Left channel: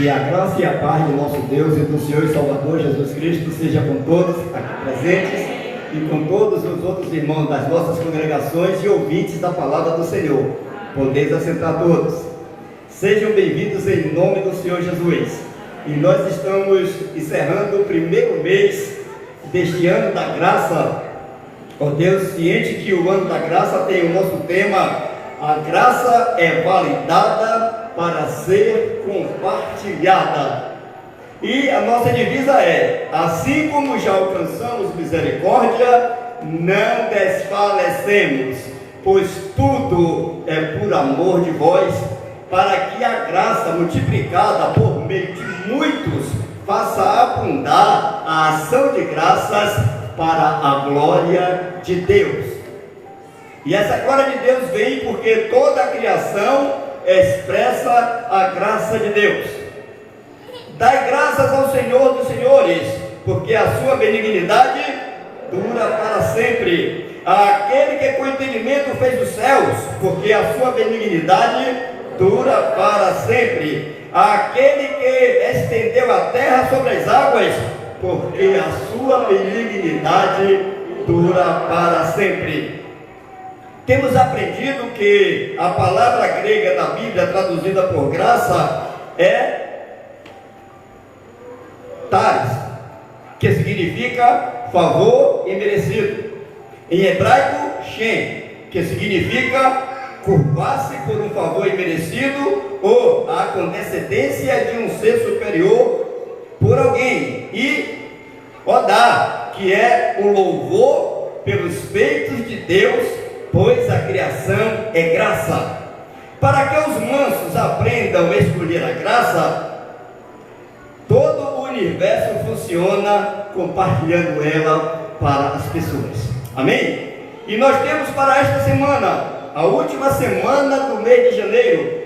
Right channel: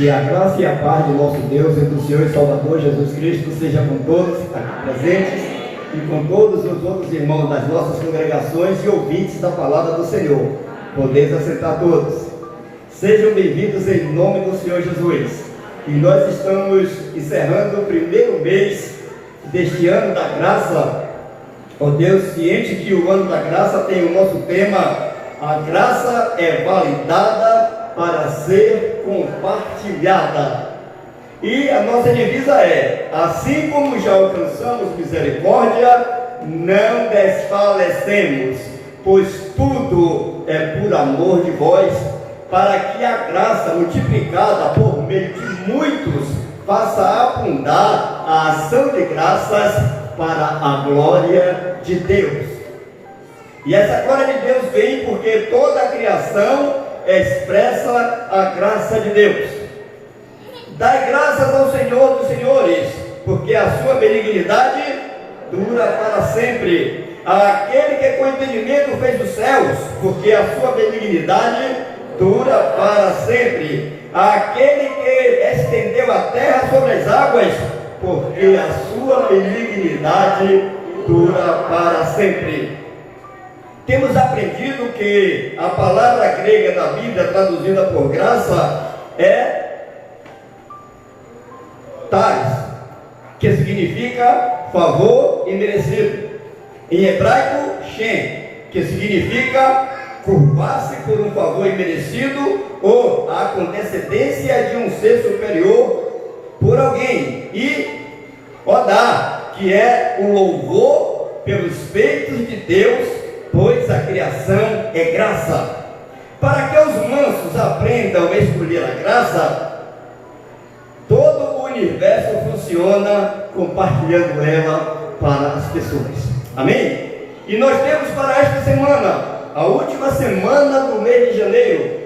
Que a graça e a paz do nosso Deus e do Senhor e Salvador Jesus Cristo seja com todos aqui presentes e com todos os outros irmãos das nossas congregações e ouvintes da palavra do Senhor. Podeis assentar todos. Sejam bem-vindos em nome do Senhor Jesus. E nós estamos encerrando o primeiro mês deste ano da graça. Ó Deus, ciente que o ano da graça tem o nosso tema: a graça é validada para ser compartilhada. E a nossa divisa é: assim como já alcançamos misericórdia, não desfalecemos, pois tudo é por amor de vós, para que a graça multiplicada por meio de muitos faça abundar a ação de graças para a glória de Deus. E essa glória de Deus vem porque toda a criação expressa a graça de Deus. Dai graças ao Senhor dos senhores, porque a sua benignidade dura para sempre. Aquele que com entendimento fez os céus, porque a sua benignidade dura para sempre. Aquele que estendeu a terra sobre as águas, porque a sua benignidade dura para sempre. Temos aprendido que a palavra grega da Bíblia, traduzida por graça, é charis, que significa favor imerecido. Em hebraico, shem, que significa curvar-se por um favor imerecido ou a antecedência de um ser superior por alguém. E odá, que é o louvor pelos feitos de Deus, pois a criação é graça. Para que os mansos aprendam a escolher a graça, todo o universo funciona compartilhando ela para as pessoas. Amém? E nós temos para esta semana, a última semana do mês de janeiro:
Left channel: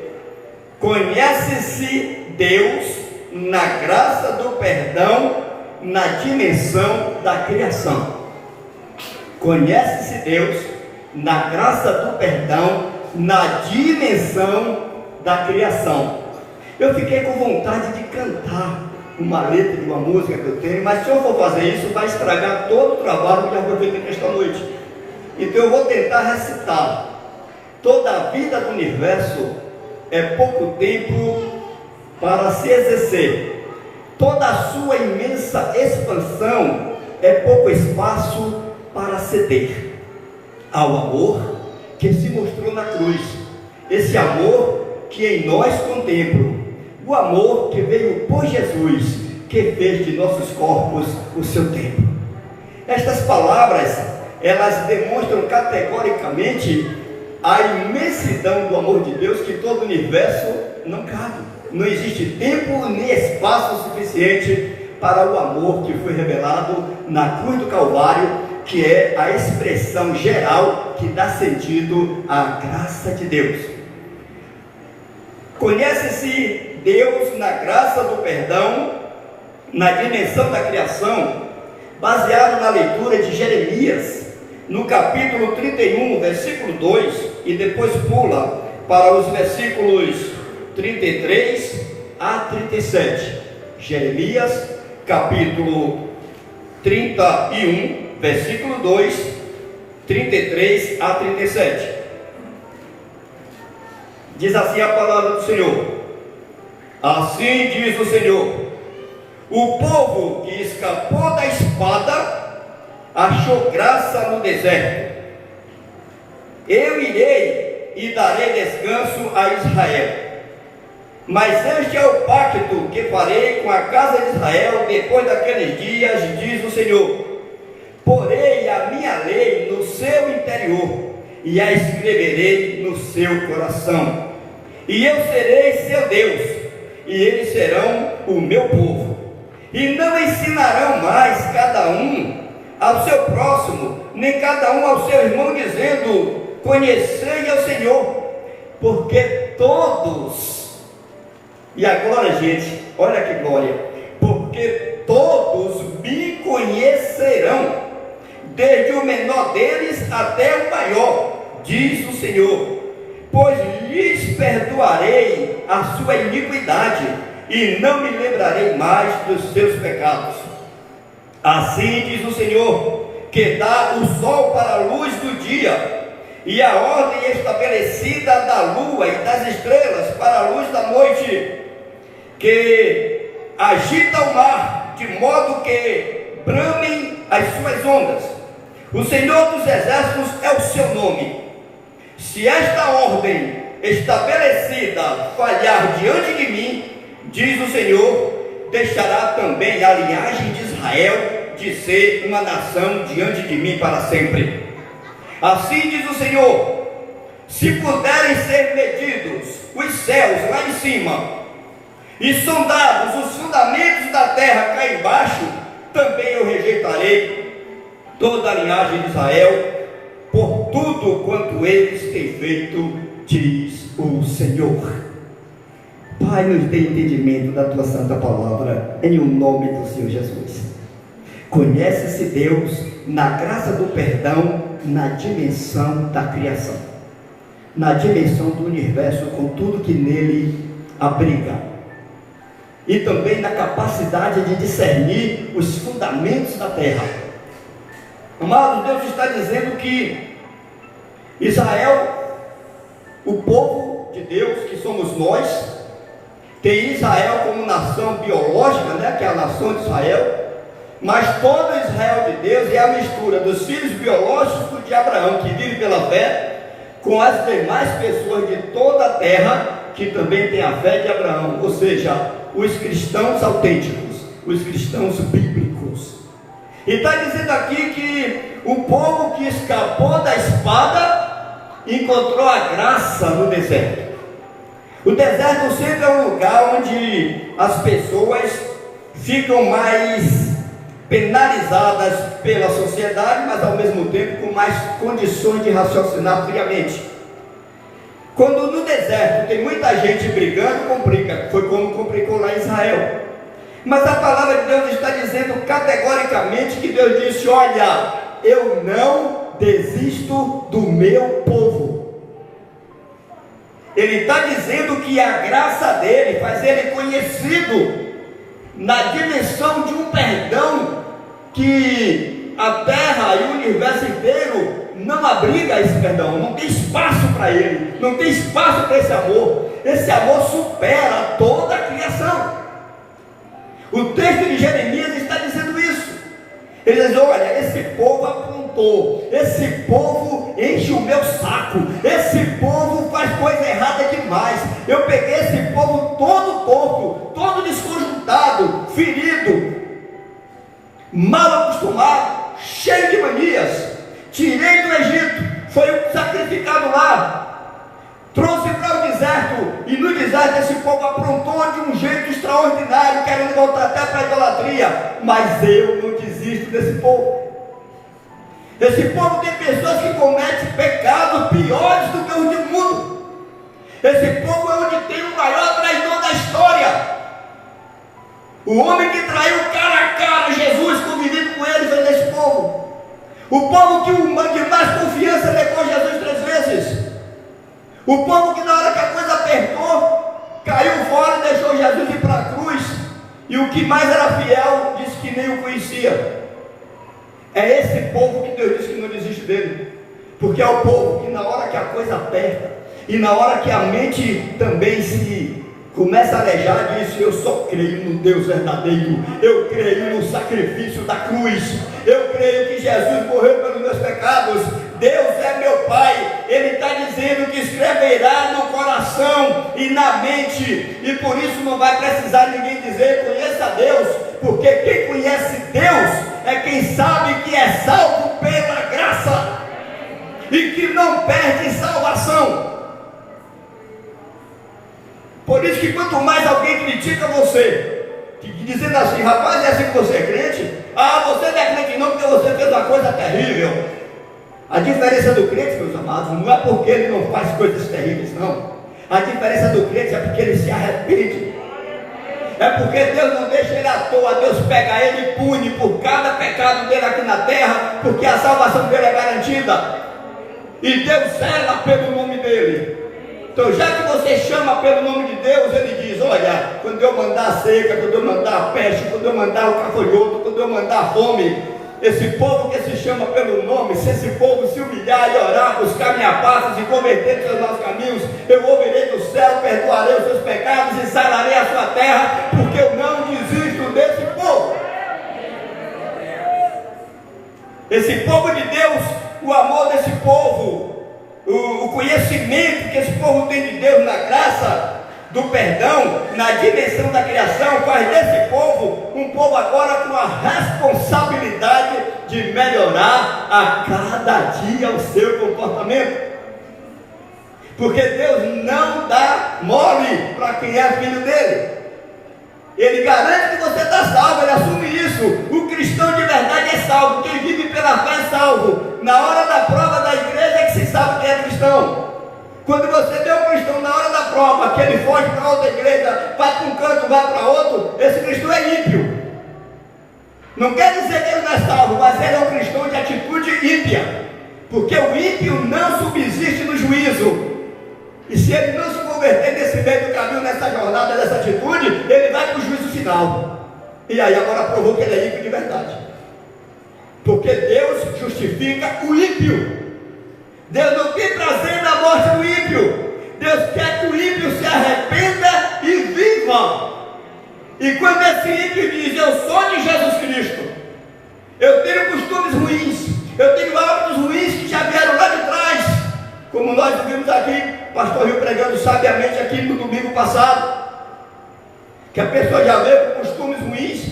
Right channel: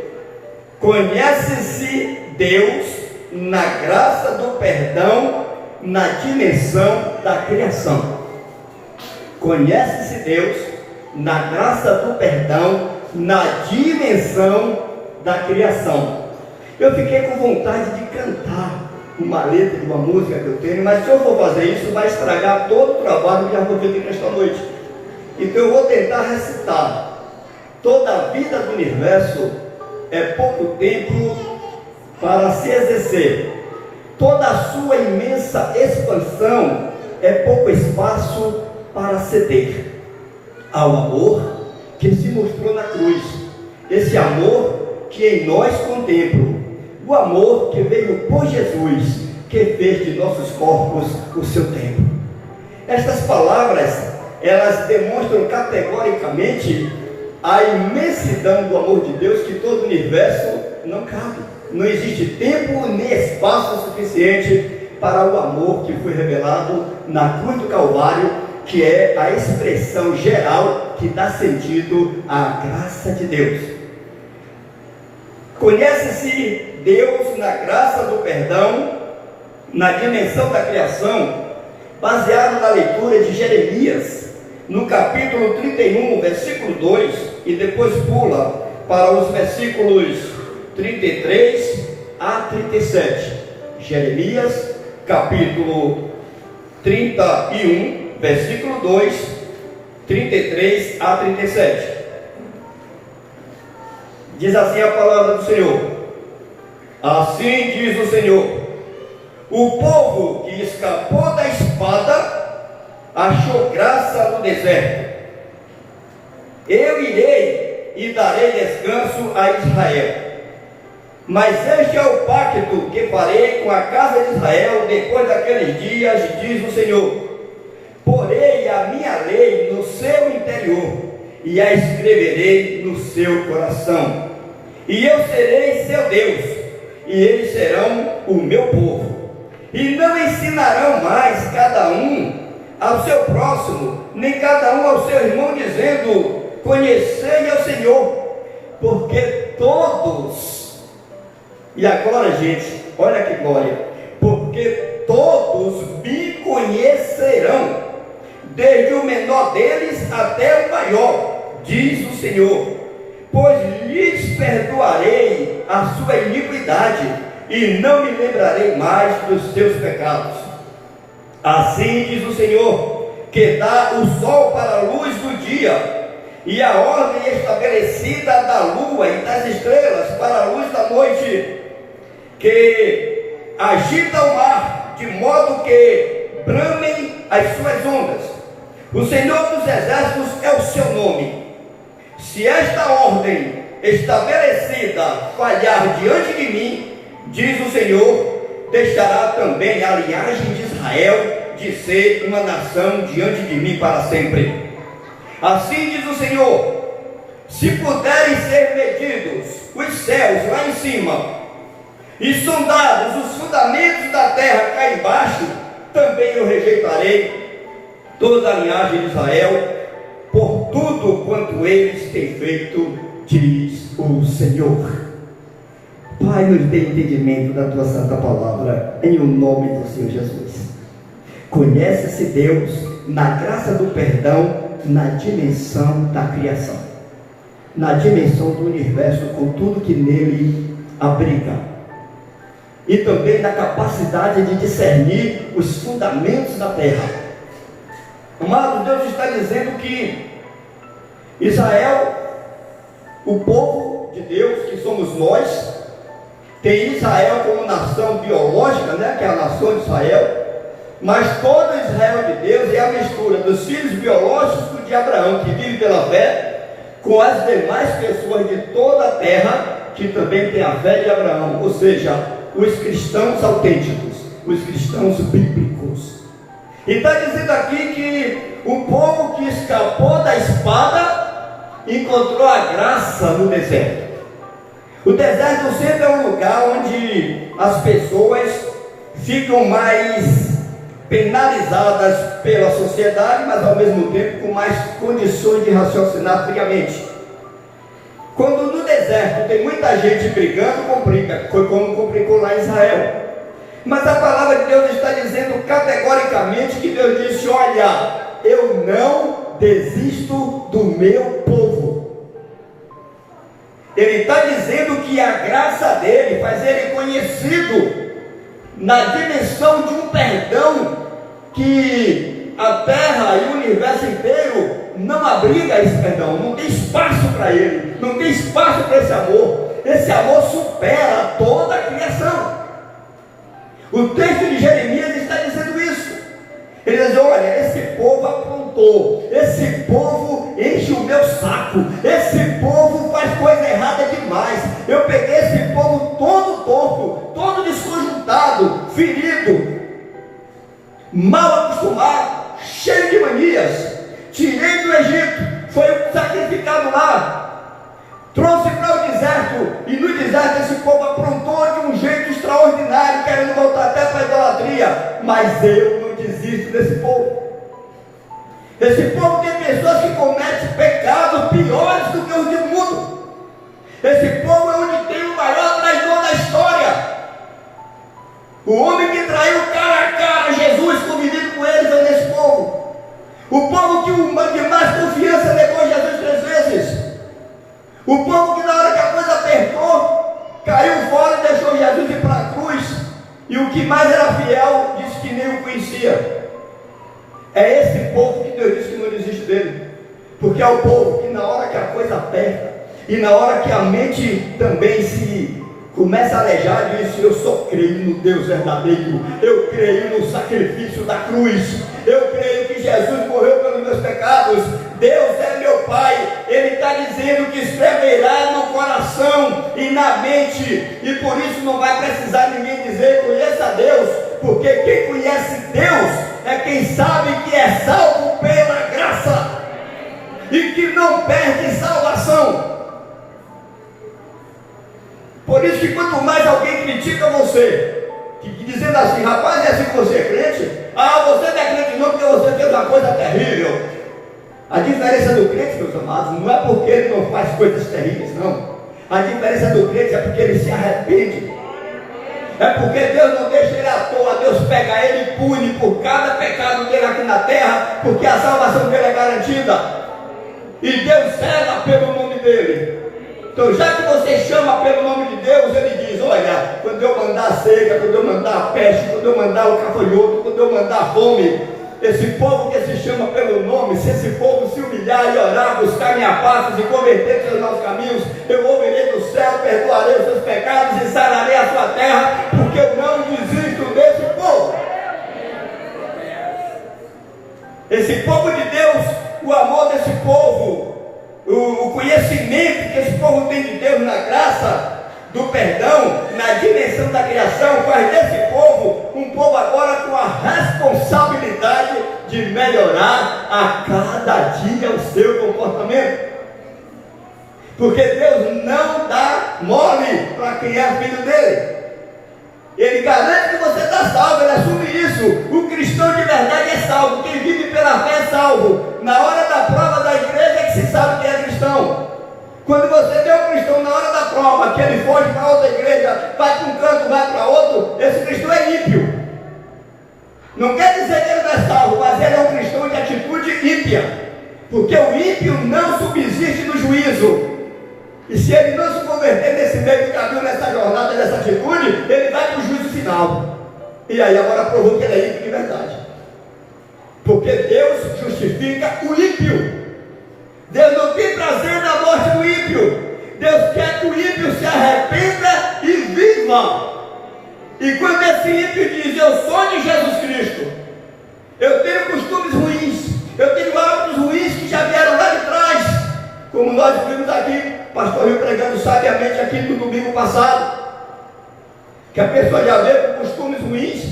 conhece-se Deus na graça do perdão, na dimensão da criação. Conhece-se Deus na graça do perdão, na dimensão da criação. Eu fiquei com vontade de cantar uma letra de uma música que eu tenho, mas se eu for fazer isso, vai estragar todo o trabalho que já vou ter nesta noite. Então eu vou tentar recitar. Toda a vida do universo é pouco tempo para se exercer. Toda a sua imensa expansão é pouco espaço para ceder ao amor que se mostrou na cruz, esse amor que em nós contempla, o amor que veio por Jesus, que fez de nossos corpos o seu templo. Estas palavras, elas demonstram categoricamente a imensidão do amor de Deus, que todo o universo não cabe. Não existe tempo nem espaço suficiente para o amor que foi revelado na cruz do Calvário, que é a expressão geral que dá sentido à graça de Deus. Conhece-se Deus na graça do perdão, na dimensão da criação, baseado na leitura de Jeremias, no capítulo 31, versículo 2, e depois pula para os versículos 33 a 37. Jeremias, capítulo 31, versículo 2, 33 a 37. Diz assim a palavra do Senhor: assim diz o Senhor, o povo que escapou da espada achou graça no deserto. Eu irei e darei descanso a Israel. Mas este é o pacto que farei com a casa de Israel depois daqueles dias, diz o Senhor. Porei a minha lei no seu interior e a escreverei no seu coração. E eu serei seu Deus, e eles serão o meu povo. E não ensinarão mais cada um ao seu próximo, nem cada um ao seu irmão, dizendo: conhecei ao Senhor, porque todos, e agora, gente, olha que glória, porque todos me conhecerão, desde o menor deles até o maior, diz o Senhor, pois lhes perdoarei a sua iniquidade e não me lembrarei mais dos teus pecados. Assim diz o Senhor, que dá o sol para a luz do dia, e a ordem estabelecida da lua e das estrelas para a luz da noite, que agita o mar, de modo que bramem as suas ondas. O Senhor dos Exércitos é o seu nome. Se esta ordem estabelecida falhar diante de mim, diz o Senhor, deixará também a linhagem de Israel de ser uma nação diante de mim para sempre. Assim diz o Senhor, se puderem ser medidos os céus lá em cima, e sondados os fundamentos da terra cá embaixo, também eu rejeitarei toda a linhagem de Israel, por tudo quanto eles têm feito, diz o Senhor. Pai, nos dê entendimento da tua santa palavra, em o nome do Senhor Jesus. Conhece-se Deus na graça do perdão, na dimensão da criação, na dimensão do universo, com tudo que nele abriga, e também na capacidade de discernir os fundamentos da terra. Amado, Deus está dizendo que Israel, o povo de Deus, que somos nós, tem Israel como nação biológica, que é a nação de Israel, mas todo Israel de Deus é a mistura dos filhos biológicos de Abraão, que vive pela fé, com as demais pessoas de toda a terra, que também tem a fé de Abraão, ou seja, os cristãos autênticos, os cristãos bíblicos. E está dizendo aqui que o povo que escapou da espada encontrou a graça no deserto. O deserto sempre é um lugar onde as pessoas ficam mais penalizadas pela sociedade, mas ao mesmo tempo com mais condições de raciocinar friamente. Quando no deserto tem muita gente brigando, complica. Foi como complicou lá em Israel. Mas a palavra de Deus está dizendo categoricamente que Deus disse: olha, eu não desisto do meu povo. Ele está dizendo que a graça dele faz ele conhecido na dimensão de um perdão que a terra e o universo inteiro não abriga esse perdão, não tem espaço para ele, não tem espaço para esse amor. Esse amor supera toda a criação. O texto de Jeremias está dizendo isso. Ele diz: olha, esse povo aprontou, esse povo enche o meu saco, esse povo faz coisa errada demais. Eu peguei esse povo todo torto, todo desconjuntado, ferido, mal acostumado, cheio de manias. Tirei do Egito, foi sacrificado lá, trouxe para o deserto, e no deserto esse povo aprontou de um jeito extraordinário, querendo voltar até para a idolatria. Mas eu não desisto desse povo. Esse povo tem pessoas que cometem pecados piores do que os do mundo. Esse povo é onde tem o maior traidor da história. O homem que traiu cara a cara Jesus, convivendo com eles, é nesse povo. O povo que mais confiança levou Jesus 3 vezes. O povo que na hora que a coisa apertou, caiu fora e deixou Jesus ir para a cruz. E o que mais era fiel, disse que nem o conhecia. É esse povo que Deus disse que não desiste dele. Porque é o povo que na hora que a coisa aperta, e na hora que a mente também se começa a alejar, diz: eu só creio no Deus verdadeiro, eu creio no sacrifício da cruz, eu creio que Jesus morreu pelos meus pecados, Deus é meu Pai. Ele está dizendo que escreverá no coração e na mente, e por isso não vai precisar ninguém dizer: conheça a Deus, porque quem conhece Deus é quem sabe que é salvo pela graça, e que não perde salvação. Por isso que quanto mais alguém critica você, dizendo assim: rapaz, é assim que você é crente? Ah, você não é crente não, porque você fez uma coisa terrível. A diferença do crente, meus amados, não é porque ele não faz coisas terríveis, não. A diferença do crente é porque ele se arrepende. É porque Deus não deixa ele à toa. Deus pega ele e pune por cada pecado dele aqui na terra, porque a salvação dele é garantida, e Deus zela pelo nome dele. Então, já que você chama pelo nome de Deus, ele diz: olha, quando eu mandar a seca, quando eu mandar a peste, quando eu mandar o gafanhoto, quando eu mandar a fome, esse povo que se chama pelo nome, se esse povo se humilhar e orar, buscar minha paz e converter seus maus caminhos, eu ouvirei do céu, perdoarei os seus pecados e sararei a sua terra, porque eu não desisto desse povo. Esse povo de Deus, o amor desse povo, o conhecimento que esse povo tem de Deus na graça do perdão, na dimensão da criação, faz desse povo um povo agora com a responsabilidade de melhorar a cada dia o seu comportamento. Porque Deus não dá mole para quem é filho dele. Ele garante que você está salvo, ele assume isso. O cristão de verdade é salvo, quem vive pela fé é salvo. Na hora da prova da igreja é que se sabe quem é cristão. Quando você vê o cristão na hora da prova, que ele foge para outra igreja, vai para um canto, vai para outro, esse cristão é ímpio. Não quer dizer que ele não é salvo, mas ele é um cristão de atitude ímpia. Porque o ímpio não subsiste no juízo. E se ele não se converter nesse meio do caminho, nessa jornada, nessa atitude, ele vai para o juízo final. E aí agora provou que ele é ímpio de verdade. Porque Deus justifica o ímpio. Deus não tem prazer na morte do ímpio. Deus quer que o ímpio se arrependa e viva. E quando esse ímpio diz: eu sou de Jesus Cristo, eu tenho costumes ruins, eu tenho hábitos ruins que já vieram lá de trás, como nós vimos aqui, pastor Rio pregando sabiamente aqui no domingo passado, que a pessoa já veio com costumes ruins,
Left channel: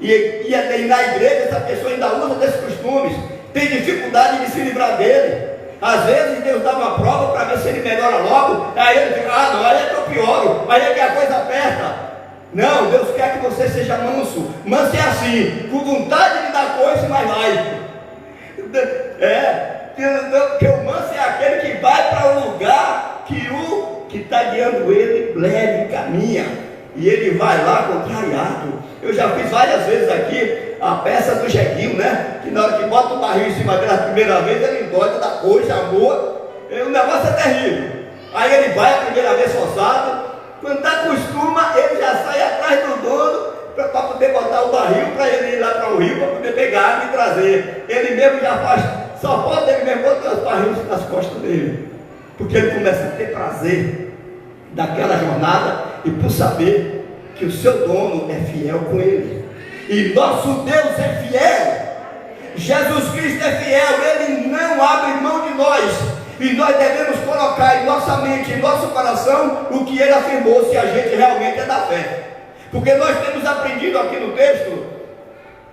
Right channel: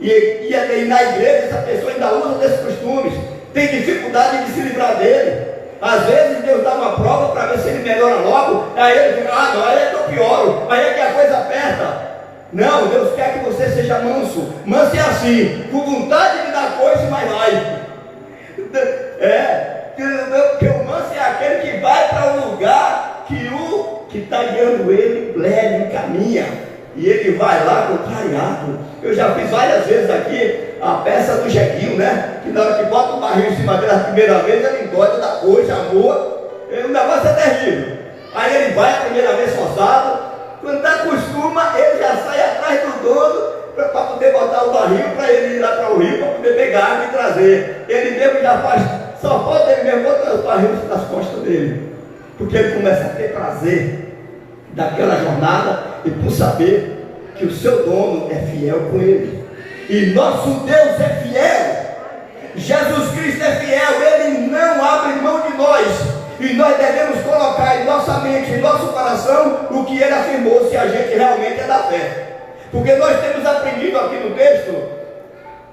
e na igreja essa pessoa ainda usa desses costumes, tem dificuldade de se livrar dele. Às vezes Deus dá uma prova para ver se ele melhora logo, aí ele diz: ah, não, aí é que eu pioro, aí é que a coisa aperta. Não, Deus quer que você seja manso. Manso é assim, com vontade de dar coisa, mas vai. Porque o manso é aquele que vai para o lugar que o que está guiando ele leve, caminha. E ele vai lá contrariado. Eu já fiz várias vezes aqui a peça do jeguinho, né? Que na hora que bota o barril em cima dele a primeira vez, ele engorda da coisa, amor. O negócio é terrível. Aí ele vai a primeira vez forçado. Quando acostuma, ele já sai atrás do dono para poder botar o barril, para ele ir lá para o rio, para poder pegar água e trazer. Ele mesmo já faz, só falta ele mesmo botar os barris nas costas dele. Porque ele começa a ter prazer daquela jornada e por saber que o seu dono é fiel com ele. E nosso Deus é fiel. Jesus Cristo é fiel, ele não abre mão de nós. E nós devemos colocar em nossa mente, em nosso coração, o que ele afirmou, se a gente realmente é da fé. Porque nós temos aprendido aqui no texto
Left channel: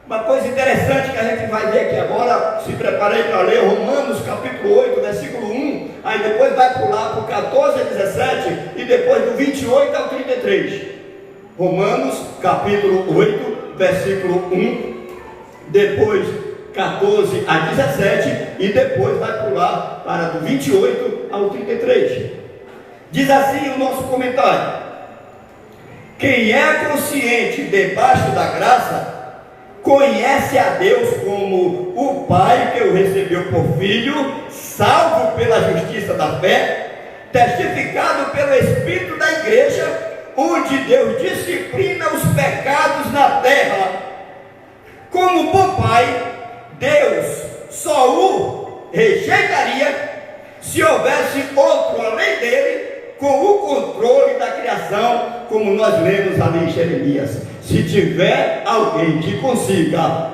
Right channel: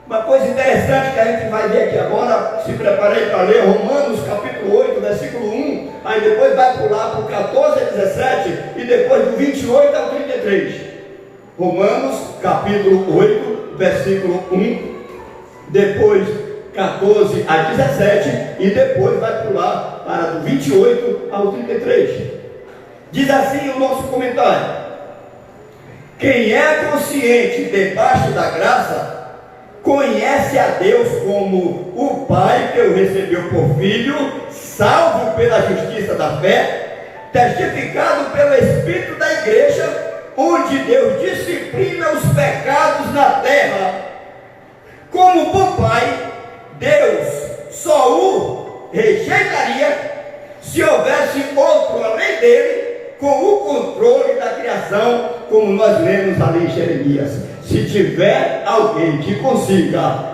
uma coisa interessante que a gente vai ver aqui agora. Se preparei para ler Romanos capítulo 8, versículo 1. Aí depois vai pular para o 14 a 17 e depois do 28 ao 33. Romanos capítulo 8, versículo 1. Depois 14 a 17 e depois vai pular para do 28 ao 33. Diz assim o nosso comentário: quem é consciente debaixo da graça, conhece a Deus como o Pai que o recebeu por filho, salvo pela justiça da fé, testificado pelo Espírito da igreja, onde Deus disciplina os pecados na terra. Como bom Pai, Deus só o rejeitaria se houvesse outro além dele, com o controle da criação, como nós lemos ali em Jeremias. Se tiver alguém que consiga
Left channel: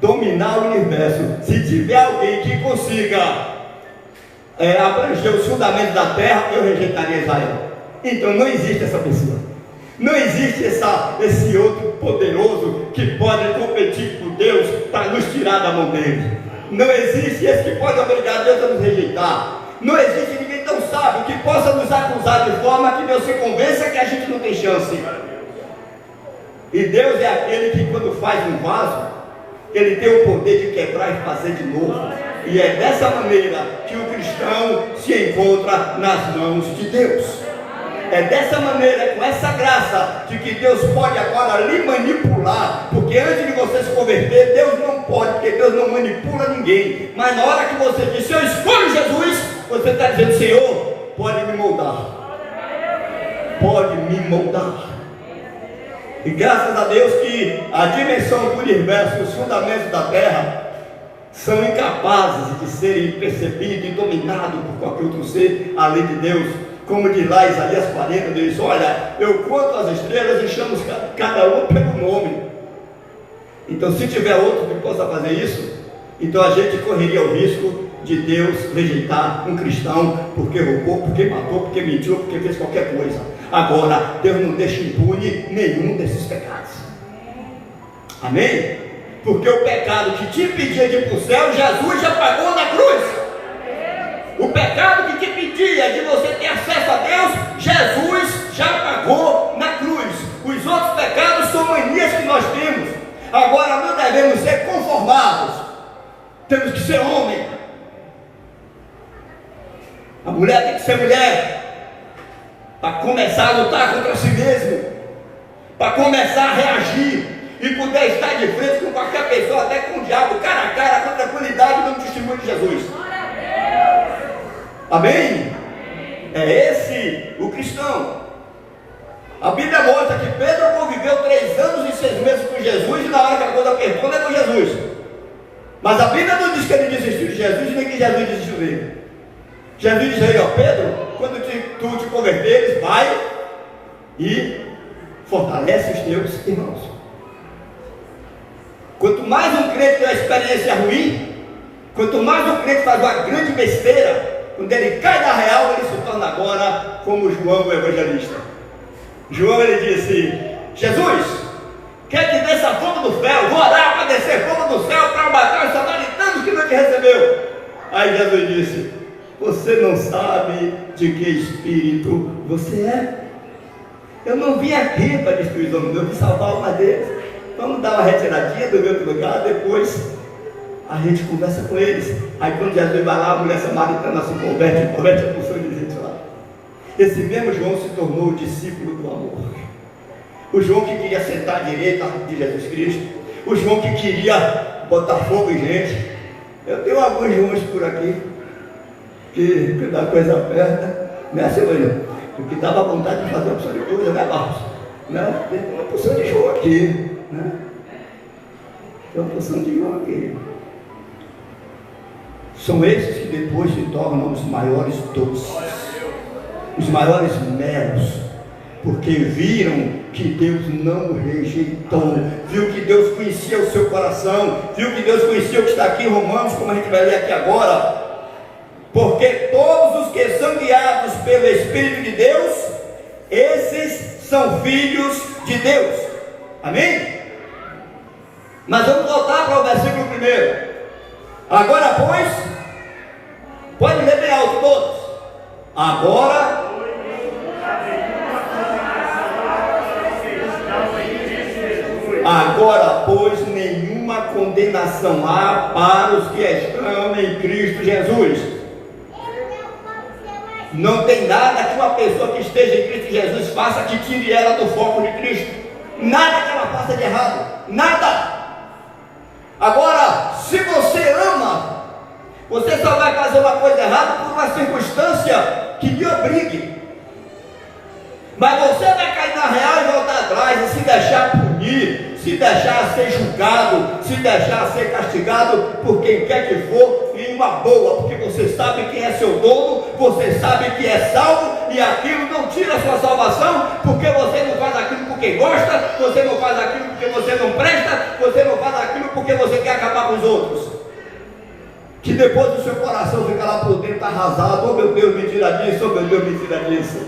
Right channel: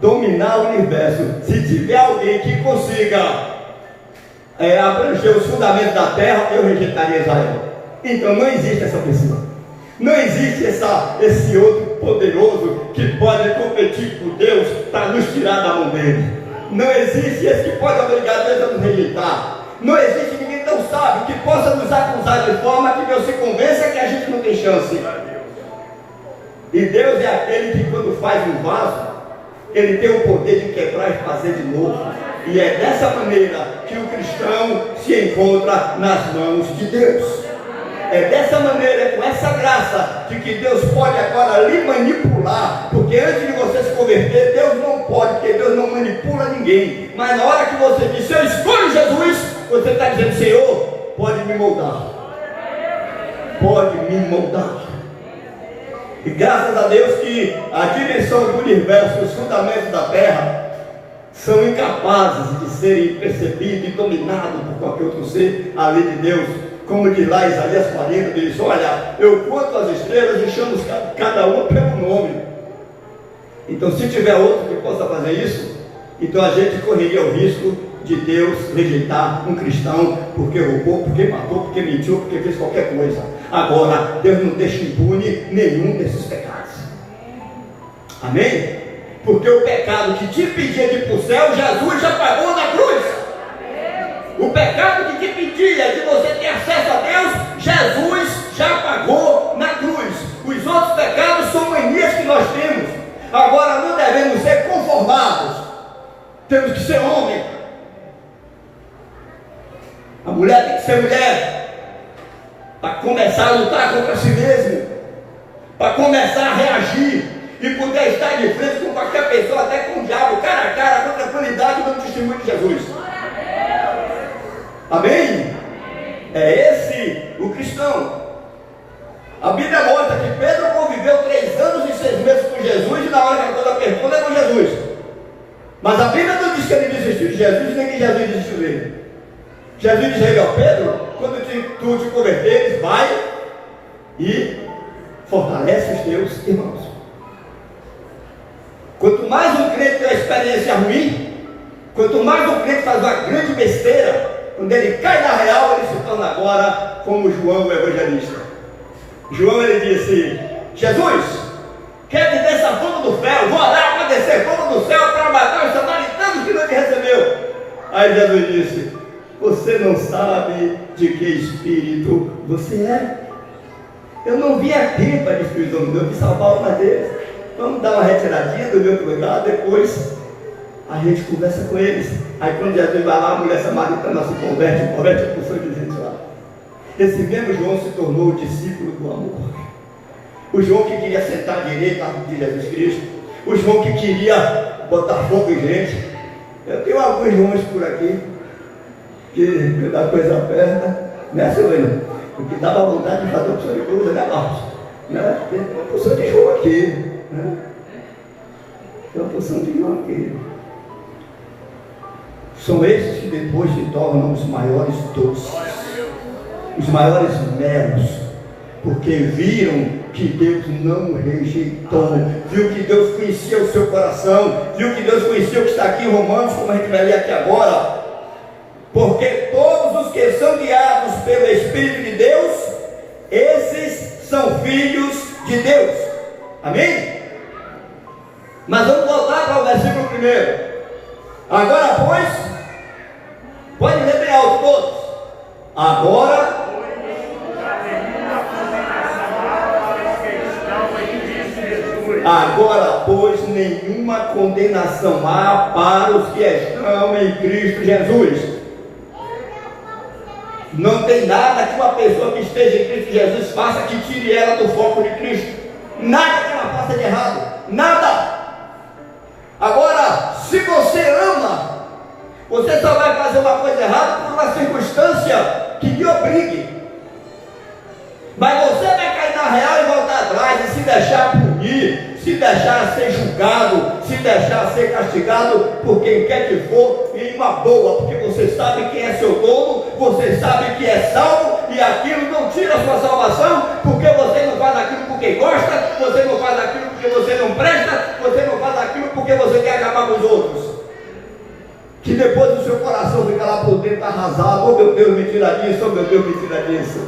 dominar o universo, se tiver alguém que consiga abranger os fundamentos da terra, eu rejeitaria Israel. Então não existe essa pessoa. Não existe esse outro poderoso que pode competir com Deus para nos tirar da mão dele. Não existe esse que pode obrigar Deus a nos rejeitar. Não existe ninguém tão sábio que possa nos acusar de forma que Deus se convença que a gente não tem chance. E Deus é aquele que, quando faz um vaso, ele tem o poder de quebrar e fazer de novo. E é dessa maneira que o cristão se encontra nas mãos de Deus. É dessa maneira, com essa graça, de que Deus pode agora lhe manipular. Porque antes de você se converter, Deus não pode, porque Deus não manipula ninguém. Mas na hora que você diz: eu escolho Jesus, você está dizendo: Senhor, pode me moldar. Pode me moldar. E graças a Deus que a dimensão do universo, os fundamentos da terra, são incapazes de serem percebidos e dominados por qualquer outro ser, além de Deus. Como diz lá Isaías 40, diz: olha, eu conto as estrelas e chamo cada uma pelo nome. Então, se tiver outro que possa fazer isso, então a gente correria o risco de Deus rejeitar um cristão porque roubou, porque matou, porque mentiu, porque fez qualquer coisa. Agora, Deus não deixa impune nenhum desses pecados. Amém? Porque o pecado que te impedia de ir para o céu, Jesus já pagou na cruz. O pecado que te impedia de você ter acesso a Deus, Jesus já pagou na cruz. Os outros pecados são manias que nós temos. Agora não devemos ser conformados. Temos que ser homem. A mulher tem que ser mulher, para começar a lutar contra si mesmo, para começar a reagir e poder estar de frente com qualquer pessoa, até com o diabo, cara a cara, com tranquilidade, no testemunho de Jesus. Amém? É esse o cristão. A Bíblia mostra que Pedro conviveu 3 anos e 6 meses com Jesus, e na hora que a coisa apertou, levou Jesus. Mas a Bíblia não diz que ele desistiu de Jesus, nem que Jesus desistiu dele. Jesus diz a ele: ó Pedro, quando tu te converteres, vai e fortalece os teus irmãos. Quanto mais um crente tem uma experiência ruim, quanto mais um crente faz uma grande besteira, quando ele cai na real, ele se torna agora como João o evangelista. João, ele disse: Jesus, quer te descer fogo do céu, vou orar para descer fogo do céu, para matar os samaritanos que não te recebeu. Aí Jesus disse: você não sabe de que espírito você é. Eu não vim aqui para destruir os homens, eu vim salvar uma deles. Vamos dar uma retiradinha do meu lugar, depois a gente conversa com eles. Aí quando Jesus vai lá, a mulher samaritana se converte a pessoa de gente lá. Esse mesmo João se tornou o discípulo do amor. O João que queria sentar à direita de Jesus Cristo. O João que queria botar fogo em gente. Eu tenho alguns Joões por aqui, que da coisa aperta, né, Senhor? Porque dava vontade de fazer uma opção de coisa, né, Marcos? Né? Tem uma porção de João aqui, né? Tem uma porção de João aqui. São esses que depois se tornam os maiores doces, os maiores melos, porque viram que Deus não rejeitou, viu que Deus conhecia o seu coração, viu que Deus conhecia o que está aqui em Romanos, como a gente vai ler aqui agora. Porque todos os que são guiados pelo Espírito de Deus, esses são filhos de Deus. Amém? Mas vamos voltar para o versículo 1. Agora, pois, pode ler bem alto todos. Agora, pois, nenhuma condenação há para os que estão em Cristo Jesus. Não tem nada que uma pessoa que esteja em Cristo Jesus faça que tire ela do foco de Cristo. Nada que ela faça de errado. Nada. Agora, se você ama, você só vai fazer uma coisa errada por uma circunstância que lhe obrigue. Mas você vai cair na real e voltar atrás e se deixar punir, se deixar ser julgado, se deixar ser castigado por quem quer que for, em uma boa, porque você sabe quem é seu dono, você sabe que é salvo, e aquilo não tira a sua salvação, porque você não faz aquilo porque gosta, você não faz aquilo porque você não presta, você não faz aquilo porque você quer acabar com os outros. Que depois o seu coração fica lá por dentro arrasado: oh meu Deus, me tira disso, oh meu Deus, me tira disso.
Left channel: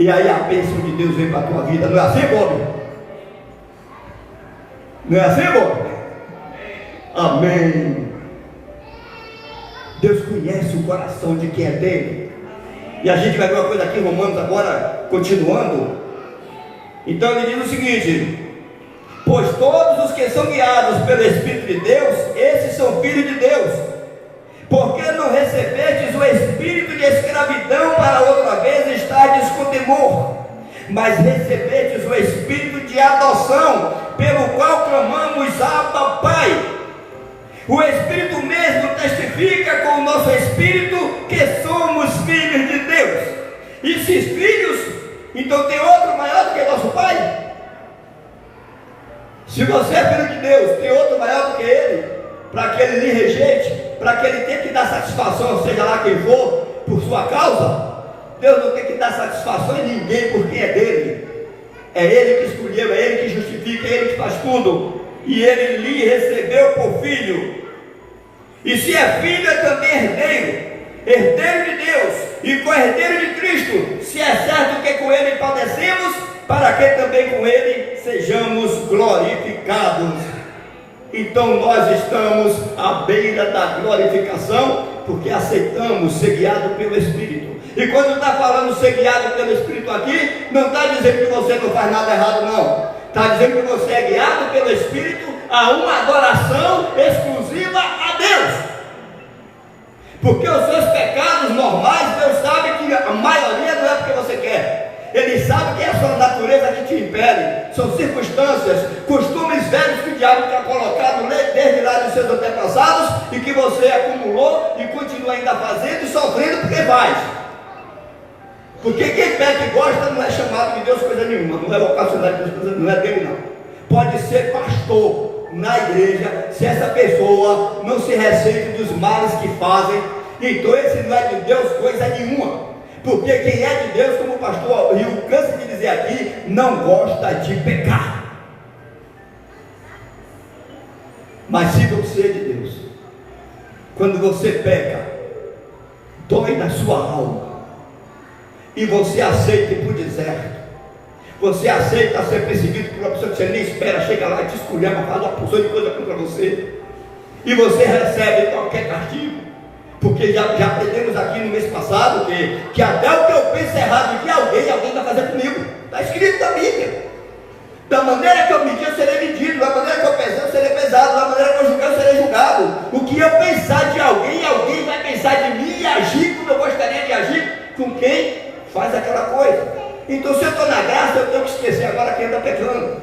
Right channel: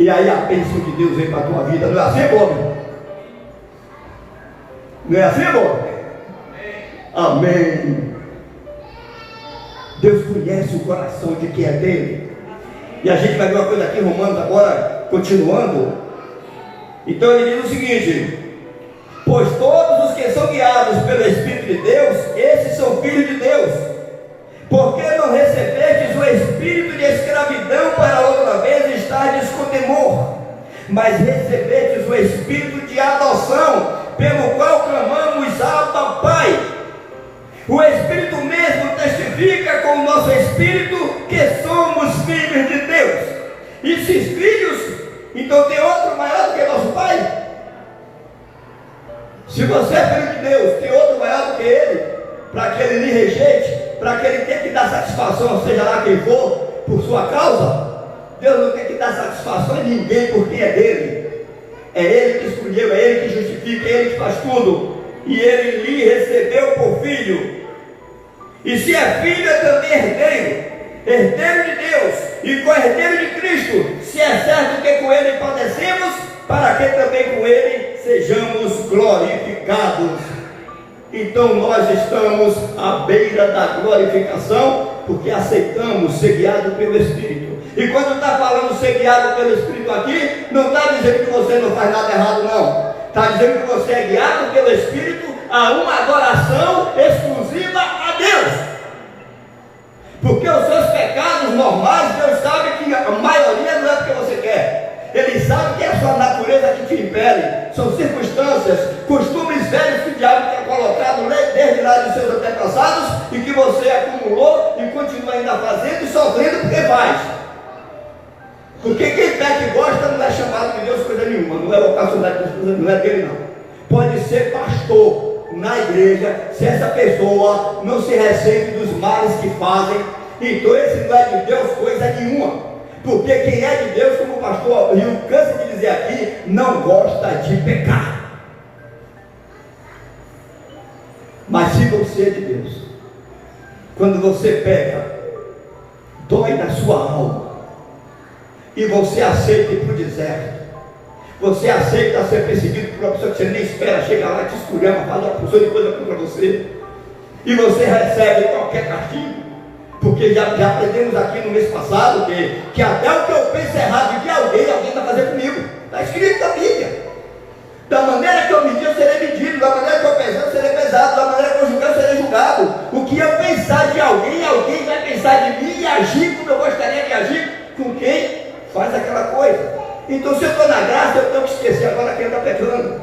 E aí a bênção de Deus vem para a tua vida. Não é assim, Bob? Não é assim, Bob? Amém. Deus conhece o coração de quem é dele. E a gente vai ver uma coisa aqui em Romanos agora, continuando. Então ele diz o seguinte: pois todos os que são guiados pelo Espírito de Deus, esses são filhos de Deus. Porque não recebestes o espírito de escravidão para outra vez estardes com temor, mas recebestes o espírito de adoção, pelo qual clamamos: Abba, Pai. O Espírito mesmo testifica testifica com o nosso espírito que somos filhos de Deus. E se filhos, então tem outro maior do que nosso Pai? Se você é filho de Deus, tem outro maior do que Ele, para que Ele lhe rejeite, para que Ele tenha que dar satisfação, seja lá quem for, por sua causa? Deus não tem que dar satisfação em ninguém, porque é dele. É Ele que escolheu, é Ele que justifica, é Ele que faz tudo. E Ele lhe recebeu por filho. E se é filho, é também herdeiro, herdeiro de Deus e co-herdeiro de Cristo, se é certo que com Ele padecemos, para que também com Ele sejamos glorificados. Então nós estamos à beira da glorificação, porque aceitamos ser guiado pelo Espírito. E quando está falando ser guiado pelo Espírito aqui, não está dizendo que você não faz nada errado, não. Está dizendo que você é guiado pelo Espírito a uma adoração exclusiva a Deus. Porque os seus pecados normais, Deus sabe que a maioria não é porque você quer. Ele sabe que é a sua natureza que te impele. São circunstâncias, costumes velhos que o diabo tinha colocado desde lá dos seus antepassados e que você acumulou e continua ainda fazendo e sofrendo porque faz. Porque quem peca e gosta não é chamado de Deus coisa nenhuma, não é vocacionado de Deus, não é dele não. Pode ser pastor na igreja, se essa pessoa não se ressente dos males que fazem, então esse não é de Deus coisa nenhuma. Porque quem é de Deus, como o pastor Rio cansa de dizer aqui, não gosta de pecar. Mas se você é de Deus, quando você peca, dói na sua alma, e você aceita ir para o deserto, você aceita ser perseguido por uma pessoa que você nem espera, chega lá e te esculhamba, fala uma pessoa de coisa contra você, e você recebe qualquer castigo, porque já aprendemos aqui no mês passado que até o que eu penso errado de alguém vai fazer comigo, está escrito na Bíblia. Da maneira que eu medir, eu serei medido, da maneira que eu pesar, eu serei pesado, da maneira que eu julgar, eu serei julgado. O que eu pensar de alguém vai pensar de mim e agir como eu gostaria de agir com quem faz aquela coisa. Então, se eu estou na graça, eu tenho que esquecer agora quem está pecando.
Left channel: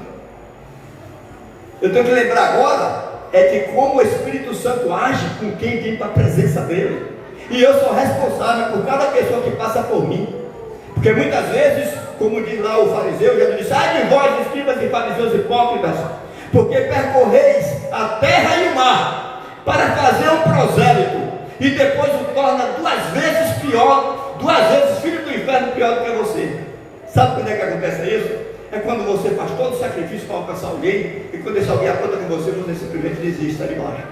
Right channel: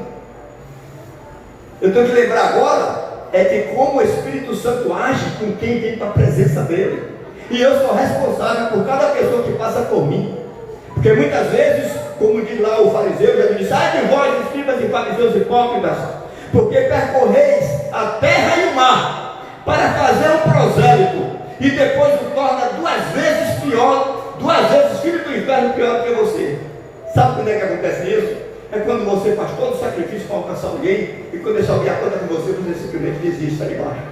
Eu tenho que lembrar agora de como o Espírito Santo age com quem vem para a presença dele. E eu sou responsável por cada pessoa que passa por mim. Porque muitas vezes, como diz lá o fariseu, já disse: ai de vós, escribas e fariseus hipócritas, porque percorreis a terra e o mar para fazer um prosélito, e depois o torna 2 vezes pior, 2 vezes filho do inferno pior do que você. Sabe quando é que acontece isso? É quando você faz todo o sacrifício para alcançar alguém, e quando esse alguém aponta com você, você simplesmente desiste, está de baixo.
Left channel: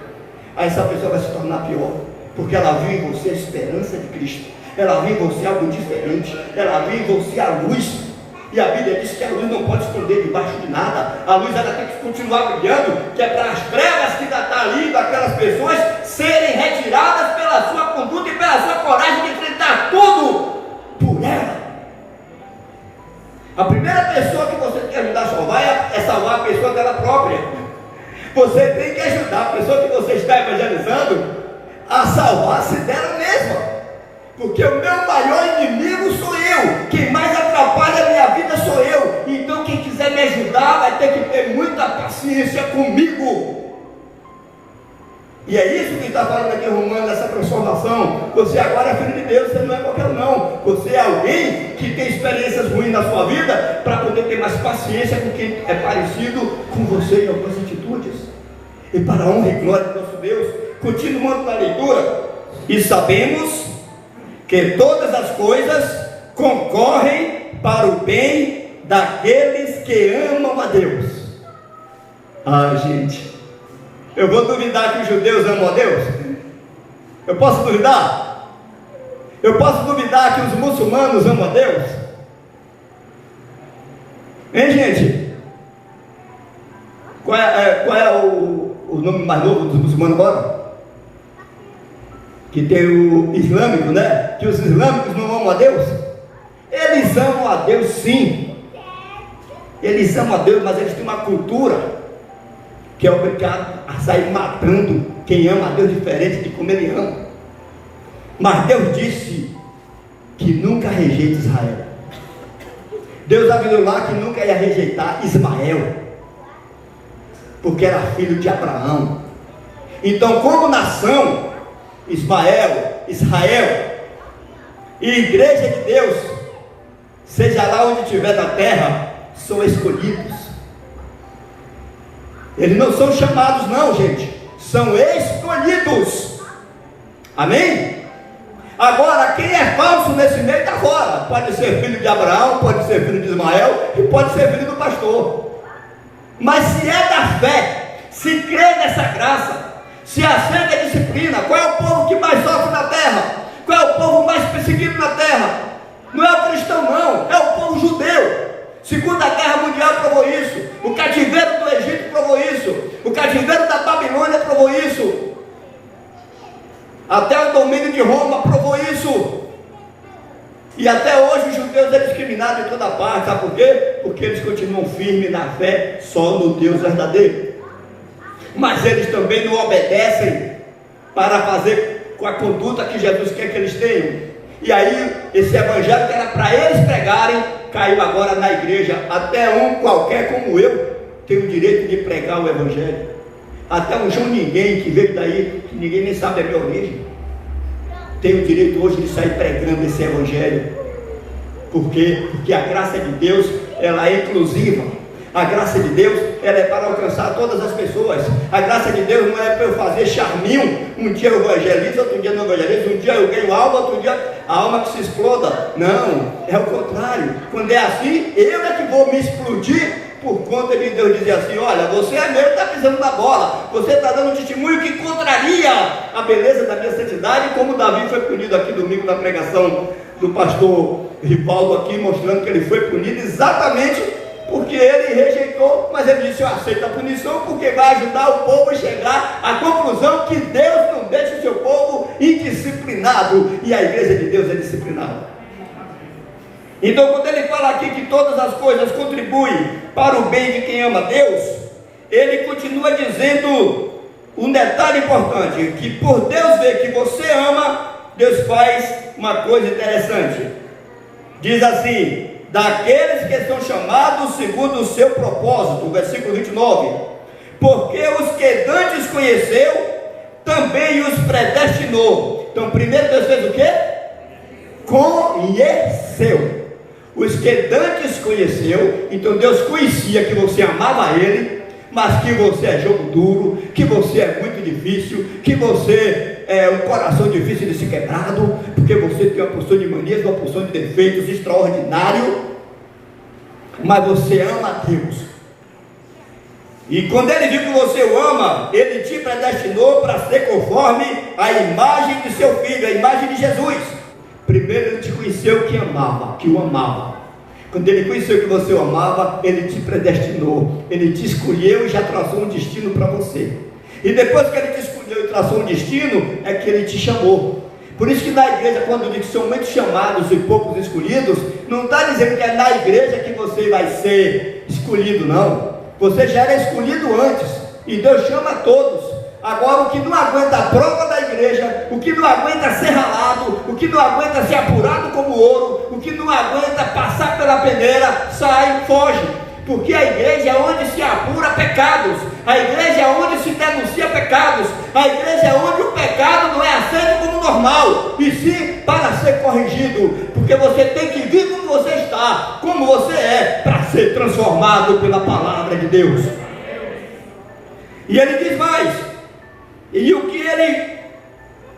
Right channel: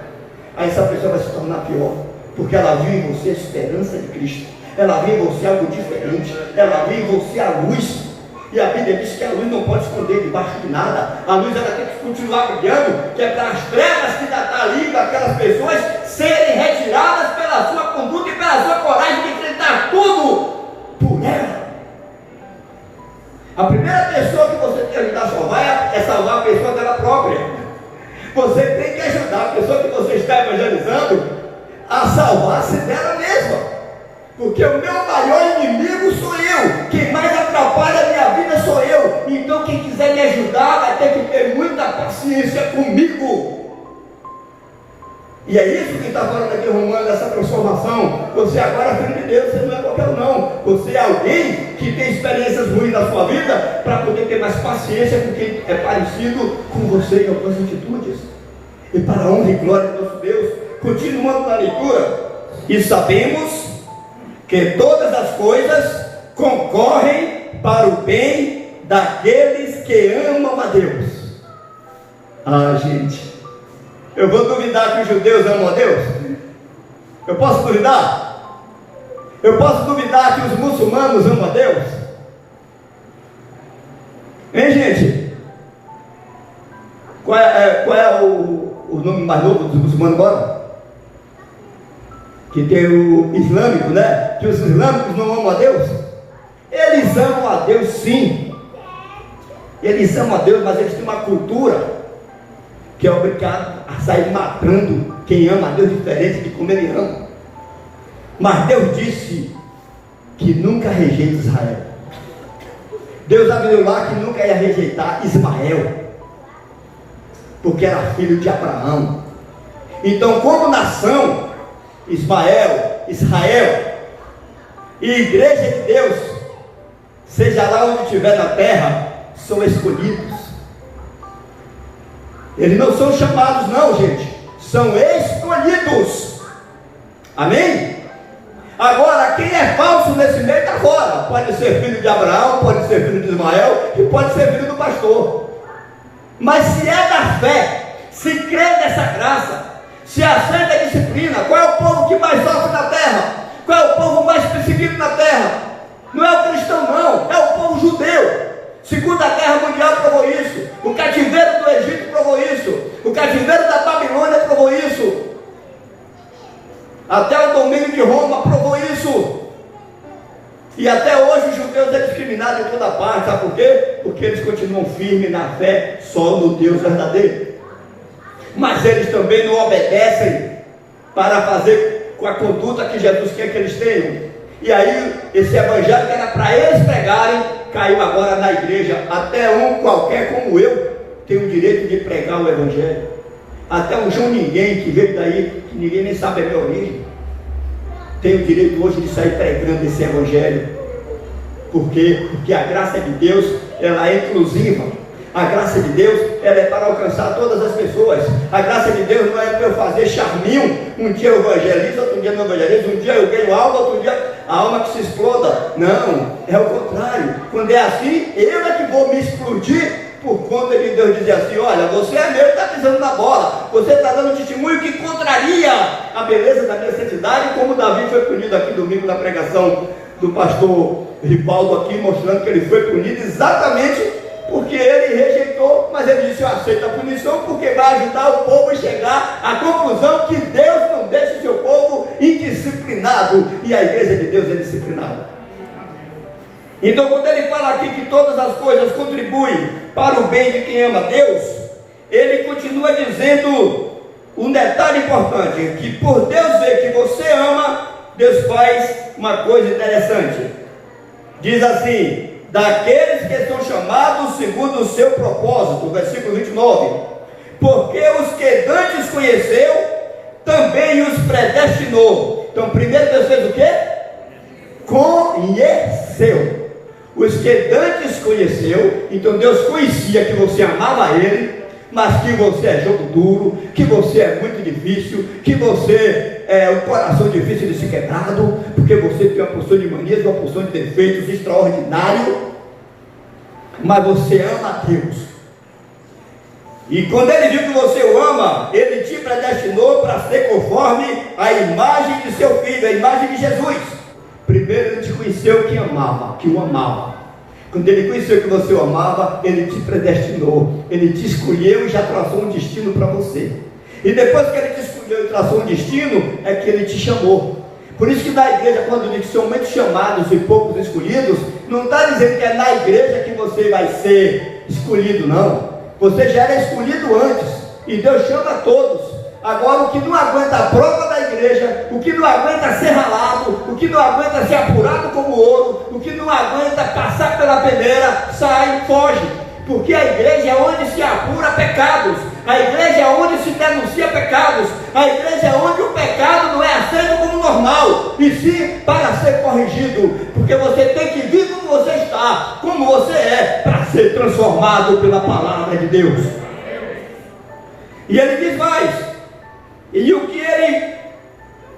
Aí essa pessoa vai se tornar pior, porque ela viu em você a esperança de Cristo, ela viu em você algo diferente, ela viu em você a luz, e a Bíblia diz que a luz não pode esconder debaixo de nada, a luz ela tem que continuar brilhando, que é para as trevas que ainda está ali, daquelas pessoas serem retiradas pela sua conduta e pela sua coragem de enfrentar tudo por ela. A primeira pessoa que você tem que ajudar a salvar é salvar a pessoa dela própria. Você tem que ajudar a pessoa que você está evangelizando a salvar-se dela mesma. Porque o meu maior inimigo sou eu. Quem mais atrapalha a minha vida sou eu. Então quem quiser me ajudar vai ter que ter muita paciência comigo. E é isso que está falando aqui, Romano, dessa transformação. Você agora é filho de Deus, você não é qualquer um, não. Você é alguém que tem experiências ruins na sua vida para poder ter mais paciência com quem é parecido com você em algumas atitudes. E para a honra e glória do nosso Deus, continuando na leitura, e sabemos que todas as coisas concorrem para o bem daqueles que amam a Deus. Ah, gente, eu vou duvidar que os judeus amam a Deus? Eu posso duvidar? Eu posso duvidar que os muçulmanos amam a Deus? Hein, gente? Qual é o nome mais novo dos muçulmanos agora? Que tem o islâmico, né? Que os islâmicos não amam a Deus? Eles amam a Deus, sim. Eles amam a Deus, mas eles têm uma cultura que é obrigado a sair matando quem ama a Deus diferente de como ele ama. Mas Deus disse que nunca rejeita Israel. Deus avisou lá que nunca ia rejeitar Ismael, porque era filho de Abraão. Então, como nação, Ismael, Israel e igreja de Deus, seja lá onde estiver na terra, são escolhidos. Eles não são chamados não, gente, são escolhidos. Amém? Agora, quem é falso nesse meio está fora. Pode ser filho de Abraão, pode ser filho de Ismael e pode ser filho do pastor. Mas se é da fé, se crê nessa graça, se aceita a disciplina, qual é o povo que mais sofre na terra? Qual é o povo mais perseguido na terra? Não é o cristão não, é o povo judeu. Segunda Guerra Mundial provou isso, o cativeiro do Egito provou isso, o cativeiro da Babilônia provou isso, até o domínio de Roma provou isso. E até hoje os judeus são discriminados em toda parte. Sabe por quê? Porque eles continuam firmes na fé só no Deus verdadeiro. Mas eles também não obedecem para fazer com a conduta que Jesus quer que eles tenham. E aí esse evangelho que era para eles pregarem, caiu agora na igreja. Até um qualquer como eu tem o direito de pregar o evangelho. Até um João Ninguém que veio daí, que ninguém nem sabe a minha origem, tem o direito hoje de sair pregando esse evangelho. Por quê? Porque a graça de Deus, ela é inclusiva. A graça de Deus, ela é para alcançar todas as pessoas. A graça de Deus não é para eu fazer charminho. Um dia eu evangelizo, outro dia não evangelizo. Um dia eu ganho alma, outro dia a alma que se exploda. Não, é o contrário. Quando é assim, eu é que vou me explodir por conta de Deus dizer assim: olha, você é meu, está pisando na bola. Você está dando um testemunho que contraria a beleza da minha santidade, como Davi foi punido aqui domingo na pregação do pastor Rivaldo aqui, mostrando que ele foi punido exatamente porque ele rejeitou, mas ele disse: eu aceito a punição porque vai ajudar o povo a chegar à conclusão que Deus não deixa o seu povo indisciplinado, e a igreja de Deus é disciplinada. Então quando ele fala aqui que todas as coisas contribuem para o bem de quem ama Deus, ele continua dizendo um detalhe importante, que por Deus ver que você ama, Deus faz uma coisa interessante. Diz assim: daqueles que estão chamados segundo o seu propósito, versículo 29, porque os que antes conheceu, também os predestinou. Então primeiro Deus fez o quê? Conheceu. Os que antes conheceu, então Deus conhecia que você amava Ele, mas que você é jogo duro, que você é muito difícil, que você é um coração difícil de ser quebrado, porque você tem uma porção de manias, uma porção de defeitos extraordinário, mas você ama a Deus. E quando Ele viu que você o ama, Ele te predestinou para ser conforme a imagem de seu Filho, a imagem de Jesus. Primeiro Ele te conheceu que amava, que o amava. Quando Ele conheceu que você o amava, Ele te predestinou, Ele te escolheu e já traçou um destino para você. E depois que Ele te escolheu e traçou um destino, é que Ele te chamou. Por isso que na igreja, quando diz que são muitos chamados e poucos escolhidos, não está dizendo que é na igreja que você vai ser escolhido, não. Você já era escolhido antes, e Deus chama a todos. Agora, o que não aguenta a prova da igreja, o que não aguenta ser ralado, o que não aguenta ser apurado como ouro, o que não aguenta passar pela peneira, sai, foge. Porque a igreja é onde se apura pecados, a igreja é onde se denuncia pecados, a igreja é onde o pecado não é aceito como normal, e sim para ser corrigido, porque você tem que vir como você está, como você é, para ser transformado pela palavra de Deus. E ele diz mais: e o que ele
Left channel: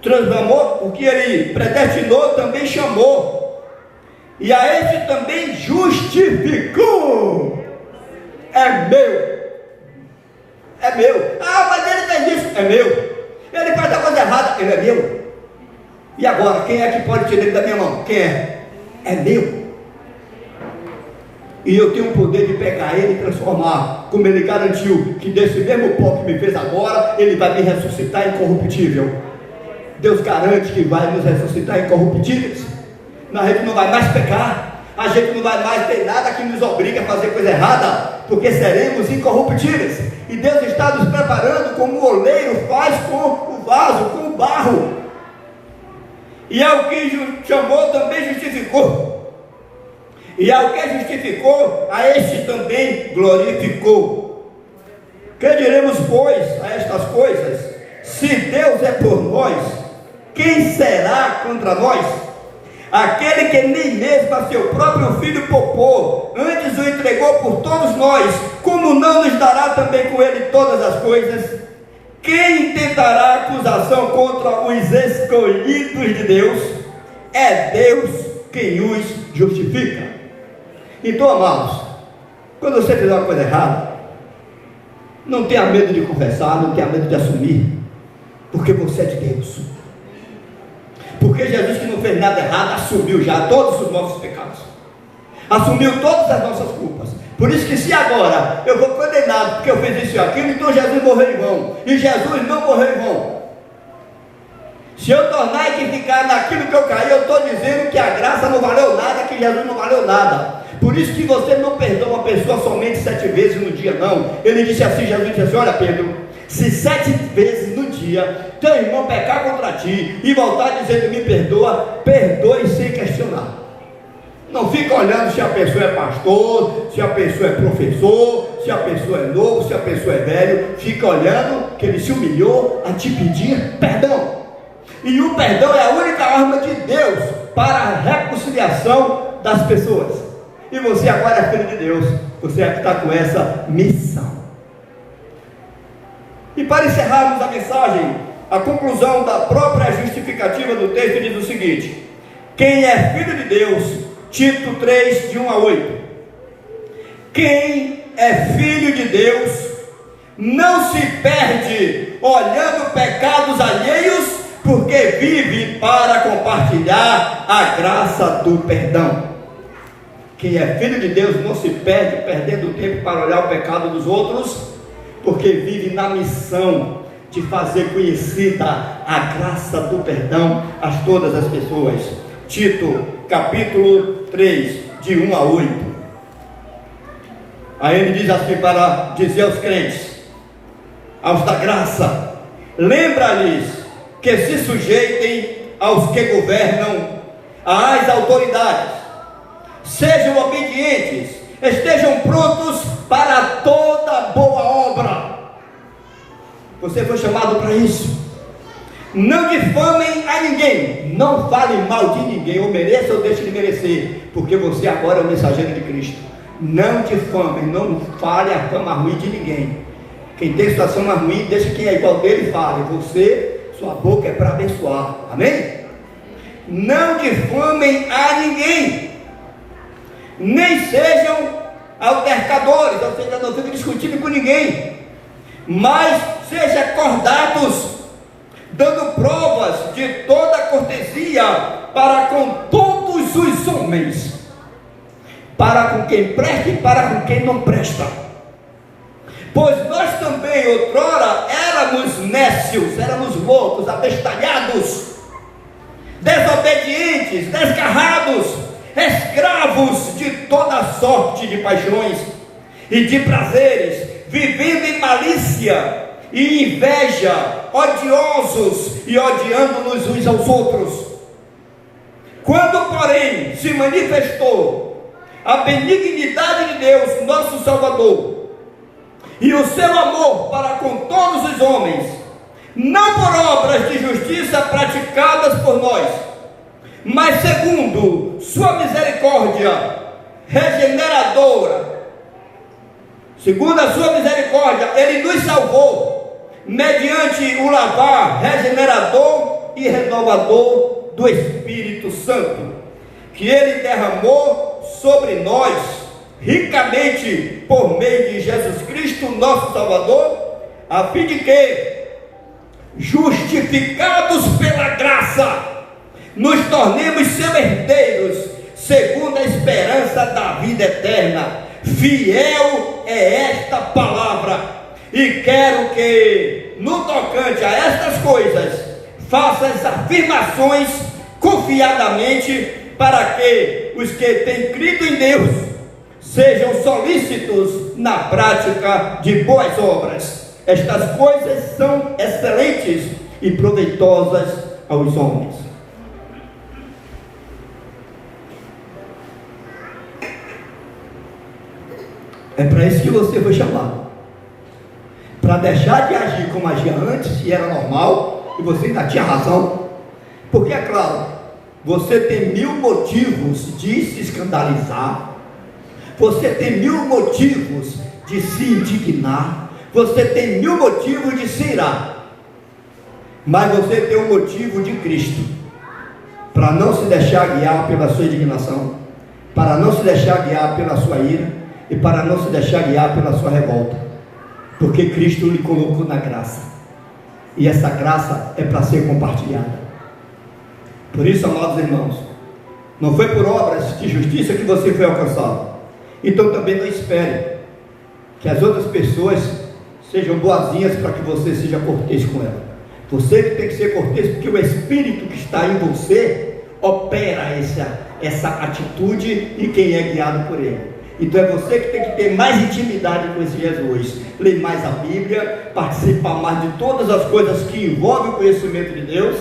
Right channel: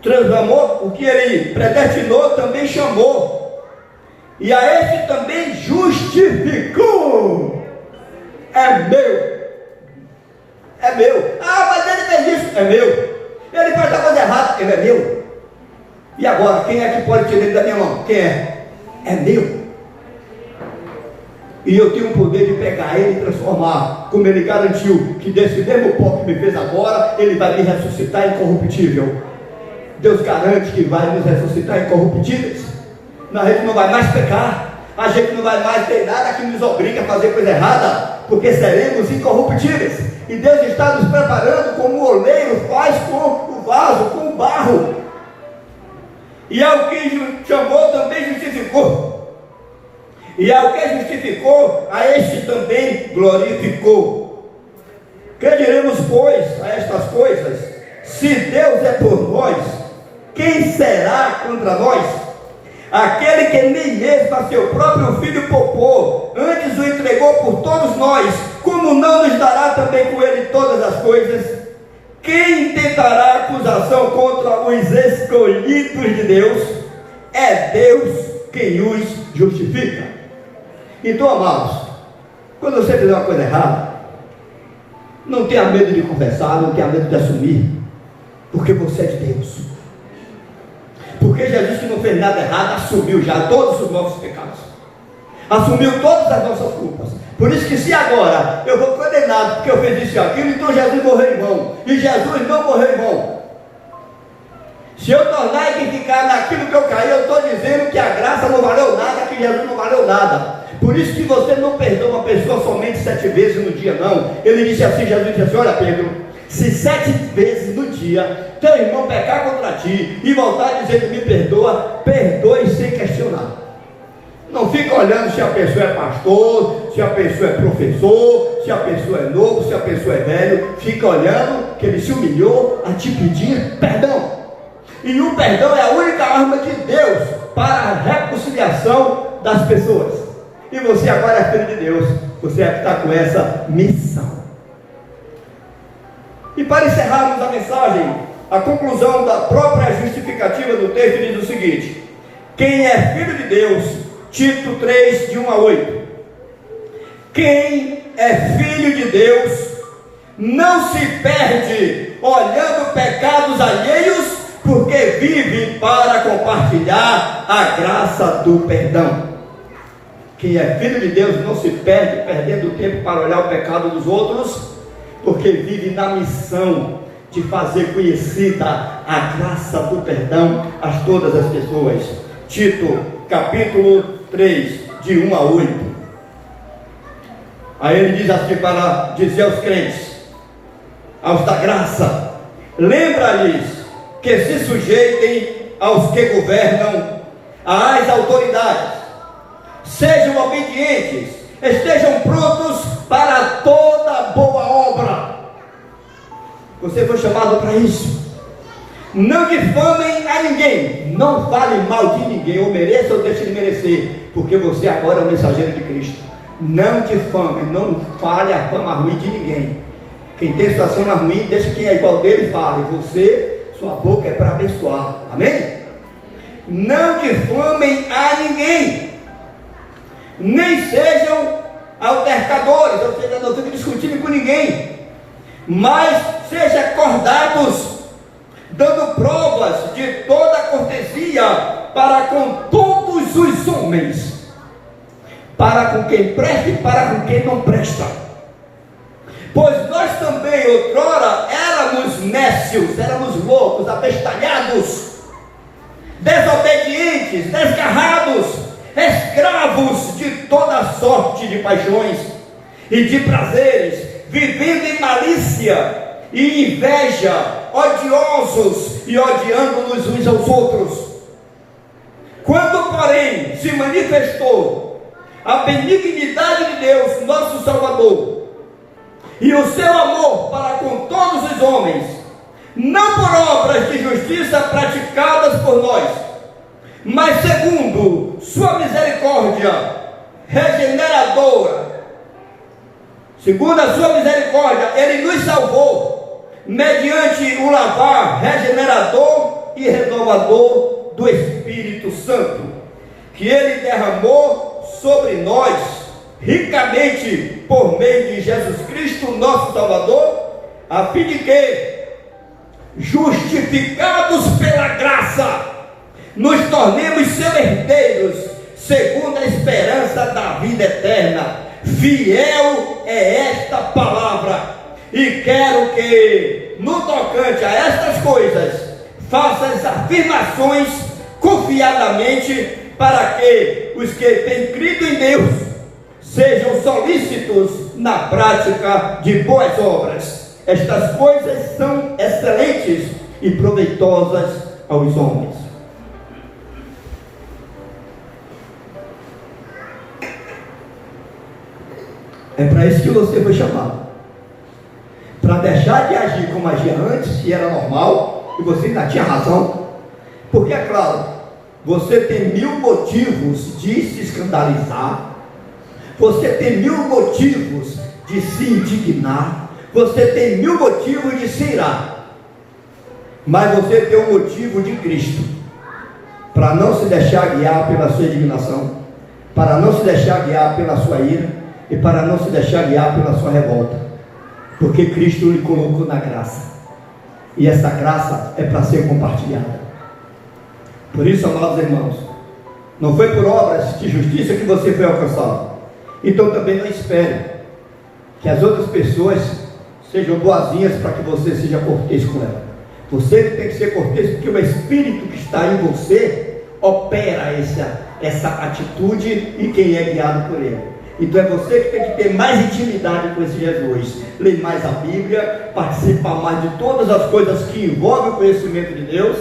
transformou, o que ele predestinou, também chamou, e a esse também justificou. É meu. É meu. Ah, mas ele fez isso. É meu. Ele faz a coisa errada. Ele é meu. E agora, quem é que pode tirar ele da minha mão? Quem é? É meu. E eu tenho o poder de pegar ele e transformar, como ele garantiu que desse mesmo pó que me fez agora, ele vai me ressuscitar incorruptível. Deus garante que vai nos ressuscitar incorruptíveis. A gente não vai mais pecar, a gente não vai mais ter nada que nos obrigue a fazer coisa errada, porque seremos incorruptíveis. E Deus está nos preparando como o oleiro faz com o vaso, com o barro. E ao que chamou também justificou. E ao que justificou, a este também glorificou. Que diremos, pois, a estas coisas? Se Deus é por nós, quem será contra nós? Aquele que nem mesmo a seu próprio filho poupou, antes o entregou por todos nós, como não nos dará também com ele todas as coisas? Quem intentará acusação contra os escolhidos de Deus? É Deus quem os justifica. Então, amados, quando você fizer uma coisa errada, não tenha medo de confessar, não tenha medo de assumir, porque você é de Deus. Porque Jesus, que não fez nada errado, assumiu já todos os nossos pecados, assumiu todas as nossas culpas. Por isso que se agora eu vou condenado porque eu fiz isso e aquilo, então Jesus morreu em vão. E Jesus não morreu em vão. Se eu tornar a ficar naquilo que eu caí, eu estou dizendo que a graça não valeu nada, que Jesus não valeu nada. Por isso que você não perdoa uma pessoa somente 7 vezes no dia, não. Ele disse assim, Jesus disse assim: olha, Pedro, se 7 vezes no dia teu irmão pecar contra ti e voltar dizendo me perdoa, perdoe sem questionar. Não fica olhando se a pessoa é pastor, se a pessoa é professor, se a pessoa é novo, se a pessoa é velho. Fica olhando que ele se humilhou a te pedir perdão. E o perdão é a única arma de Deus para a reconciliação das pessoas. E você agora é filho de Deus, você está com essa missão. E para encerrarmos a mensagem, a conclusão da própria justificativa do texto diz o seguinte: quem é filho de Deus, Tito 3, de 1 a 8. Quem é filho de Deus não se perde olhando pecados alheios, porque vive para compartilhar a graça do perdão. Quem é filho de Deus não se perde perdendo tempo para olhar o pecado dos outros, porque vive na missão de fazer conhecida a graça do perdão a todas as pessoas. Tito, capítulo 3, de 1 a 8. Aí ele diz assim para dizer aos crentes, aos da graça: lembra-lhes que se sujeitem aos que governam, às autoridades, sejam obedientes, estejam prontos para toda boa obra. Você foi chamado para isso. Não difamem a ninguém, não falem mal de ninguém, ou mereça ou deixe de merecer, porque você agora é o mensageiro de Cristo. Não difamem, não fale a fama ruim de ninguém. Quem tem situação ruim, deixa quem é igual dele fale. Você, sua boca é para abençoar, amém? Não difamem a ninguém, nem sejam altercadores, ou seja, não fiquem discutindo com ninguém, mas sejam acordados, dando provas de toda cortesia para com todos os homens, para com quem presta e para com quem não presta. Pois nós também outrora éramos nécios, éramos loucos, abestalhados, desobedientes, desgarrados, escravos de toda sorte de paixões e de prazeres, vivendo em malícia e inveja, odiosos e odiando-nos uns aos outros. Quando, porém, se manifestou a benignidade de Deus, nosso Salvador, e o seu amor para com todos os homens, não por obras de justiça praticadas por nós, mas segundo sua misericórdia regeneradora, segundo a sua misericórdia, ele nos salvou, mediante o lavar regenerador e renovador do Espírito Santo, que ele derramou sobre nós ricamente por meio de Jesus Cristo, nosso Salvador, a fim de que, justificados pela graça, nos tornemos seus herdeiros, segundo a esperança da vida eterna. Fiel é esta palavra, e quero que, no tocante a estas coisas, faças afirmações confiadamente, para que os que têm crido em Deus sejam solícitos na prática de boas obras. Estas coisas são excelentes e proveitosas aos homens. É para isso que você foi chamado, para deixar de agir como agia antes, que era normal, e você ainda tinha razão, Porque, é claro, você tem 1000 motivos de se escandalizar, você tem 1000 motivos de se indignar, você tem 1000 motivos de se irar, mas você tem um motivo de Cristo, para não se deixar guiar pela sua indignação, para não se deixar guiar pela sua ira, e para não se deixar guiar pela sua revolta, porque Cristo lhe colocou na graça, e essa graça é para ser compartilhada. Por isso, amados irmãos, não foi por obras de justiça que você foi alcançado, então também não espere que as outras pessoas sejam boazinhas para que você seja cortês com ela. Você tem que ser cortês, porque o Espírito que está em você opera essa atitude e quem é guiado por ele. Então é você que tem que ter mais intimidade com esse Jesus, ler mais a Bíblia, participar mais de todas as coisas que envolvem o conhecimento de Deus,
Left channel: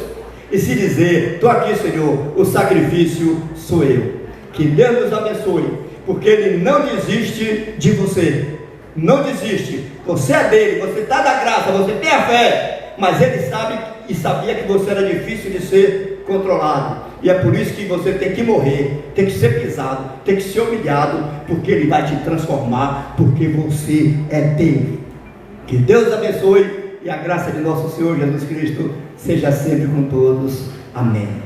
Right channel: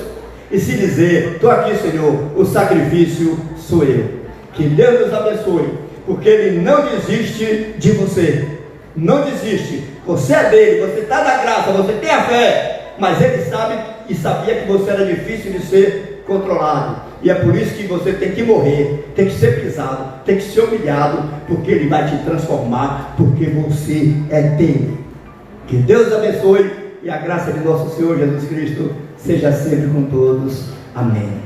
e se dizer: estou aqui, Senhor, o sacrifício sou eu. Que Deus nos abençoe, porque Ele não desiste de você, não desiste. Você é dele, você está na graça, você tem a fé, mas Ele sabe e sabia que você era difícil de ser controlado, e é por isso que você tem que morrer, tem que ser pisado, tem que ser humilhado, porque Ele vai te transformar, porque você é dele. Que Deus abençoe, e a graça de nosso Senhor Jesus Cristo seja sempre com todos. Amém.